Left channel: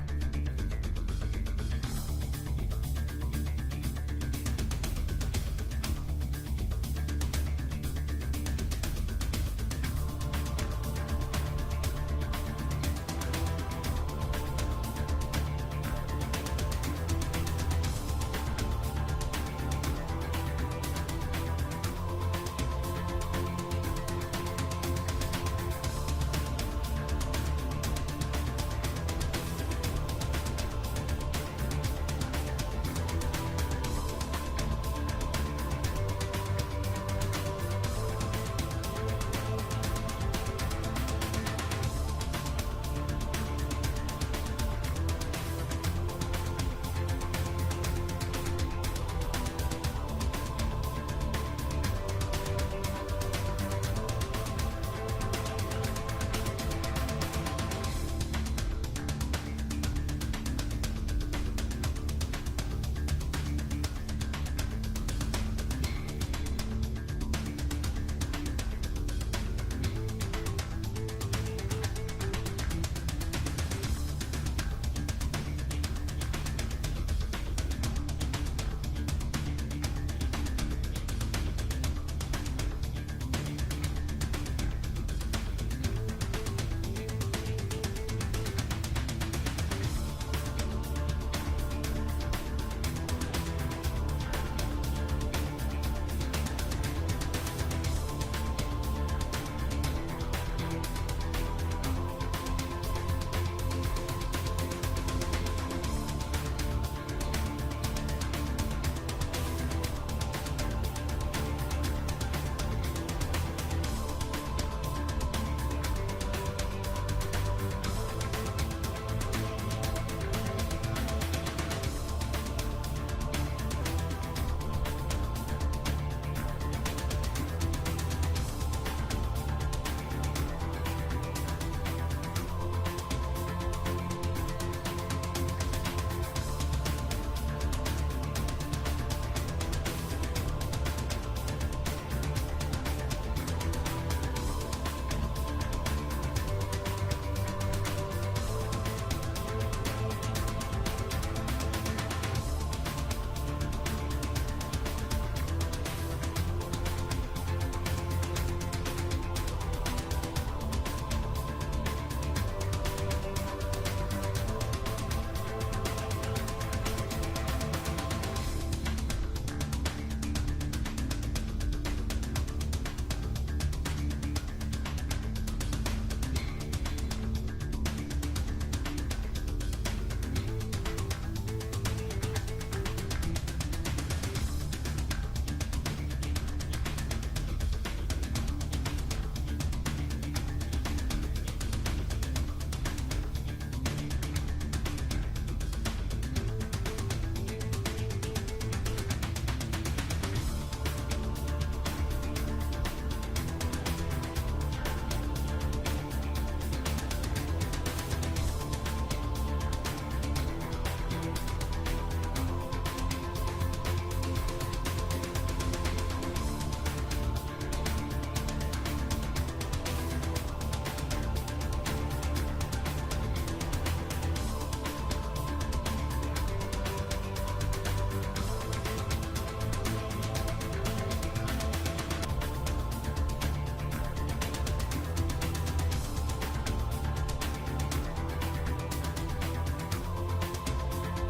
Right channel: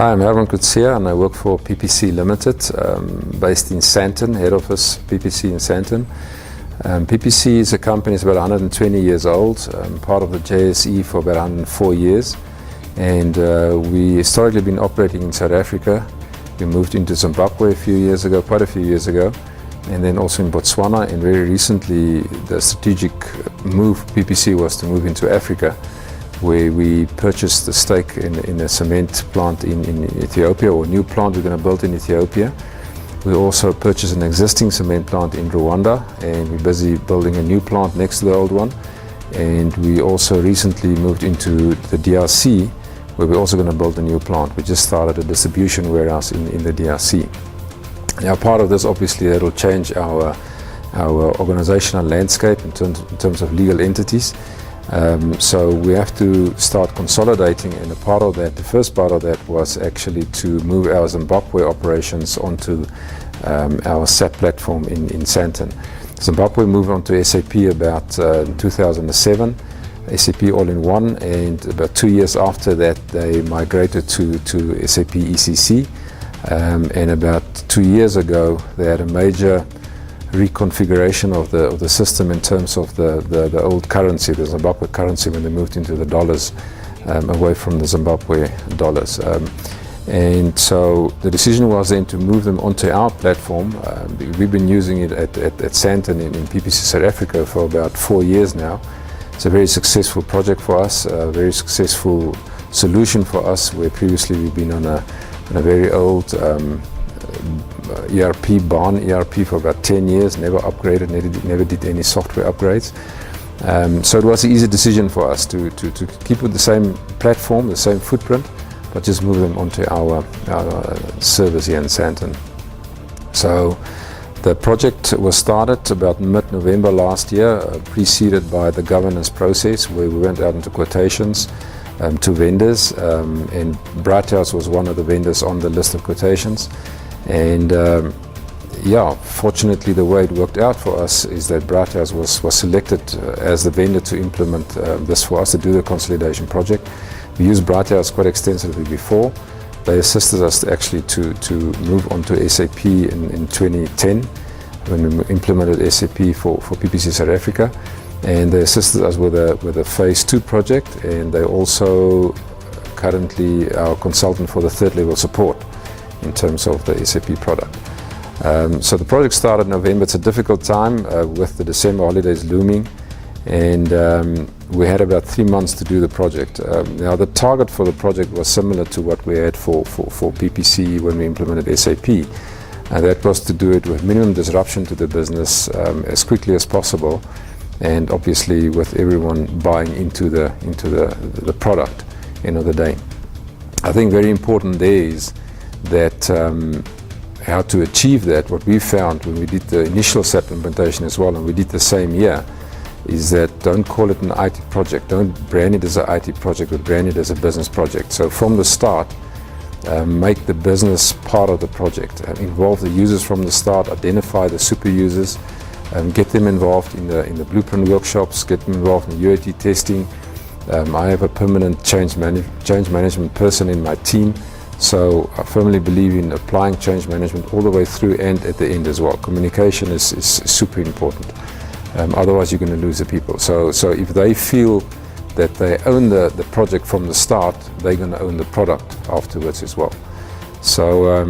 Hi, I'm Herman Kutsia and I work for PPC Limited, based in Sandton, head office PPC in Sandton. PPC is a company that's about 120 years old, part of the JSE for about 104 years. And we historically been operating in South Africa. We moved into Zimbabwe quite a few years ago, and then also in Botswana. And very recently, the strategic move PPC was to move into Africa, where we purchased a stake in a cement plant in Ethiopia, or a new plant we're going to build in Ethiopia. We also purchased an existing cement plant in Rwanda, and we're busy building a new plant next to the old one. And we also recently moved into the DRC, where we're also going to build a new plant. We just started a distribution warehouse in the DRC. Now, part of this, obviously, that will change our organizational landscape in terms of legal entities. So we have to start consolidating, and the first part of that was actually to move our Zimbabwe operations onto our SAP platform in Sandton. Zimbabwe moved onto SAP about 2007, SAP All-in-One, and about 2 years after that they migrated to SAP ECC, and about 2 years ago they had a major reconfiguration of the system in terms of the old currency, the Zimbabwe currency, when they moved into the dollars, away from the Zimbabwe dollars. And so the decision was then to move them onto our platform. We've been using it at Sandton in PPC South Africa for about 4 years now. It's a very successful project for us, a very successful solution for us, where previously we've been on a very old ERP, barn ERP, for about 10 years, never upgraded, never did any software upgrades. So it was an easy decision for us to keep with the same platform, the same footprint, but just move them onto our service here in Sandton. So the project was started about mid-November last year, preceded by the governance process, where we went out into quotations to vendors, and Britehouse was one of the vendors on the list of quotations. And fortunately, the way it worked out for us is that Britehouse was selected as the vendor to implement this for us, to do the consolidation project. We used Britehouse quite extensively before. They assisted us actually to move onto SAP in 2010, when we implemented SAP for PPC South Africa. And they assisted us with a phase 2 project, and they also currently our consultant for the third level support in terms of the SAP product. So the project started in November. It's a difficult time with the December holidays looming, and we had about 3 months to do the project. Now the target for the project was similar to what we had for PPC when we implemented SAP, and that was to do it with minimum disruption to the business as quickly as possible, and obviously with everyone buying into the product end of the day. I think very important there is that how to achieve that. What we found when we did the initial SAP implementation as well, and we did the same year, is that don't call it an IT project, don't brand it as an IT project, but brand it as a business project. So from the start, make the business part of the project, and involve the users from the start, identify the super users, get them involved in the blueprint workshops, get them involved in UAT testing. I have a permanent change management person in my team. So I firmly believe in applying change management all the way through and at the end as well. Communication is super important. Otherwise, you're going to lose the people. So if they feel that they own the project from the start, they're going to own the product afterwards as well. So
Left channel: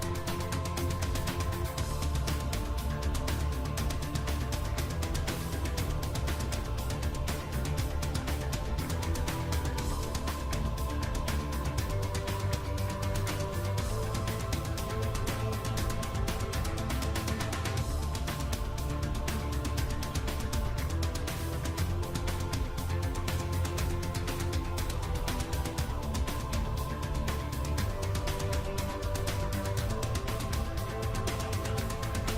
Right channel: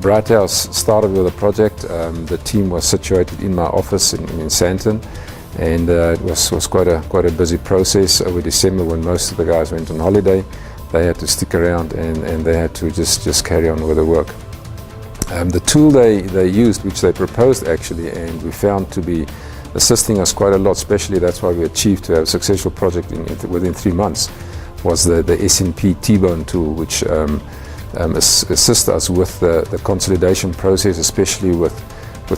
Britehouse started with a project. The team was situated in my office in Sandton, and it was quite a busy process over December, when most of the guys went on holiday. They had to stick around, and they had to just carry on with the work. The tool they used, which they proposed actually, and we found to be assisting us quite a lot, especially that's why we achieved to have a successful project within 3 months, was the S&P T-Bone tool, which assists us with the consolidation process, especially with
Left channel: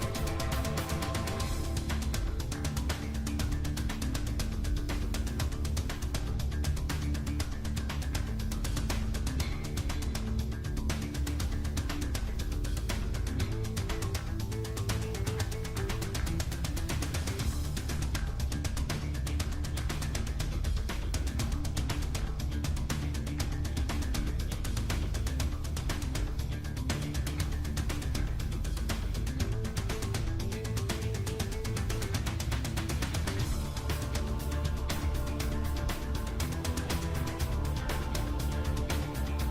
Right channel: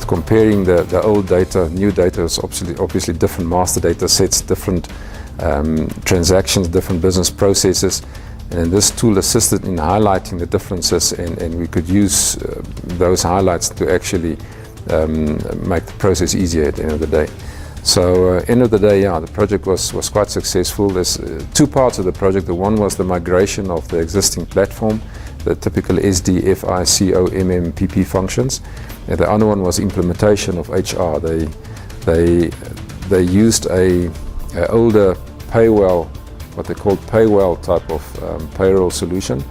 comparing the old data. New data is obviously different master data sets, different transactions, different business processes. And this tool assisted in highlighting the differences, and we could use those highlights to actually make the process easier at the end of the day. So end of the day, the project was quite successful. There's two parts of the project. The one was the migration of the existing platform the typical SD, FI, CO, MM, PP functions. And the other one was implementation of HR. They used a older paywell, what they called paywell type of payroll solution,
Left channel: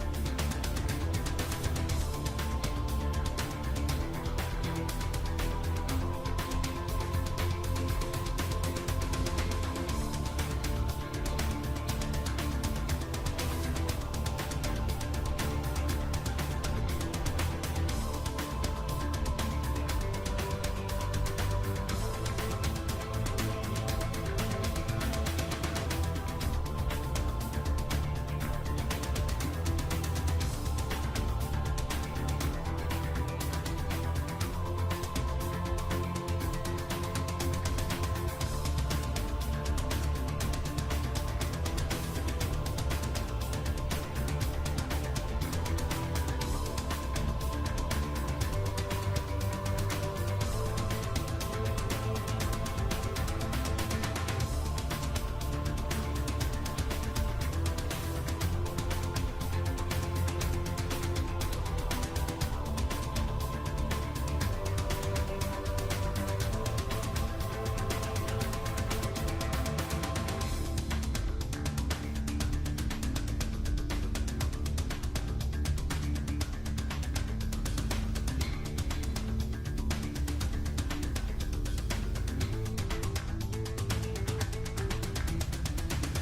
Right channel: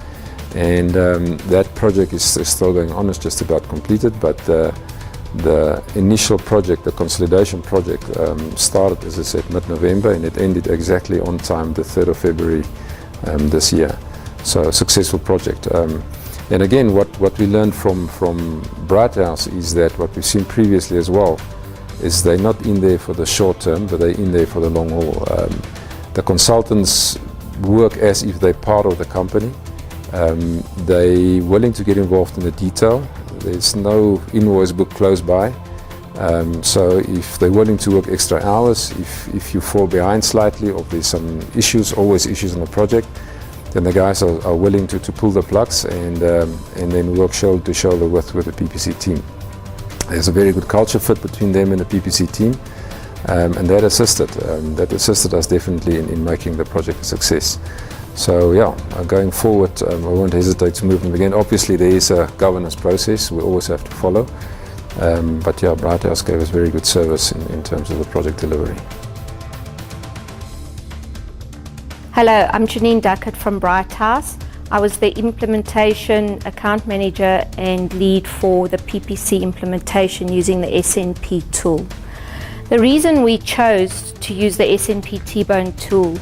and that project is still going on. It's just about completed, but the initial project, the consolidation project, started, as I said, mid-November, and it ended exactly on time, the 3rd of February this year. So a successful project. And again, what we learned from Britehouse is that what we've seen previously as well is they're not in there for the short term, but they're in there for the long haul. The consultants work as if they're part of the company. They're willing to get involved in the detail. There's no invoice book close by. So if they're willing to work extra hours, if you fall behind slightly or there's some issues, always issues in the project, then the guys are willing to pull the plugs and then work shoulder to shoulder with the PPC team. There's a very good culture fit between them and the PPC team, and that assisted us definitely in making the project a success. So yeah, going forward, I won't hesitate to move them again. Obviously there is a governance process we always have to follow, but yeah, Britehouse gave us very good service in terms of the project delivery. Hello, I'm Janine Duckett from Britehouse. I was the implementation account manager and lead for the PPC implementation using the SNP tool. The reason we chose to use the SNP T-Bone tool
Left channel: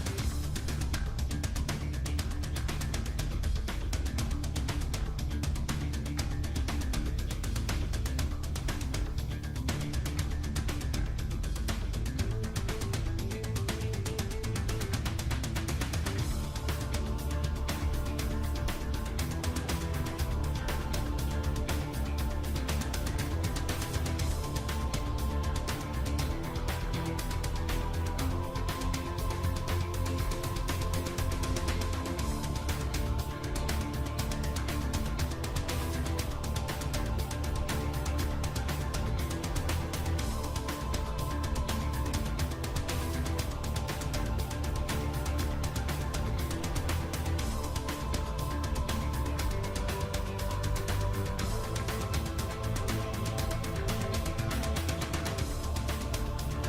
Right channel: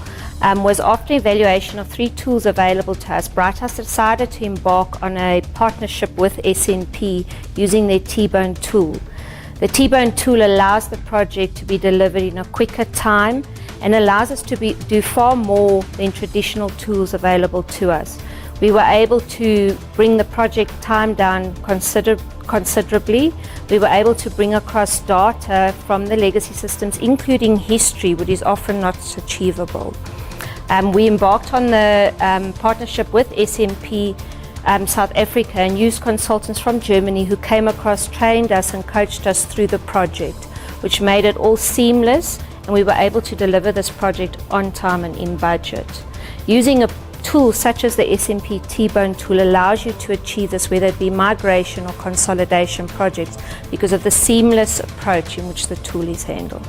was after evaluation of 3 tools available to us. Britehouse decided to embark on a partnership with SNP using their T-Bone tool. The T-Bone tool allows the project to be delivered in a quicker time and allows us to do far more than traditional tools available to us. We were able to bring the project time down considerably. We were able to bring across data from the legacy systems, including history, which is often not achievable. We embarked on the partnership with SNP South Africa and used consultants from Germany who came across, trained us and coached us through the project, which made it all seamless, and we were able to deliver this project on time and in budget. Using a tool such as the SNP T-Bone tool allows you to achieve this, whether it be migration or consolidation projects, because of the seamless approach in which the tool is handled.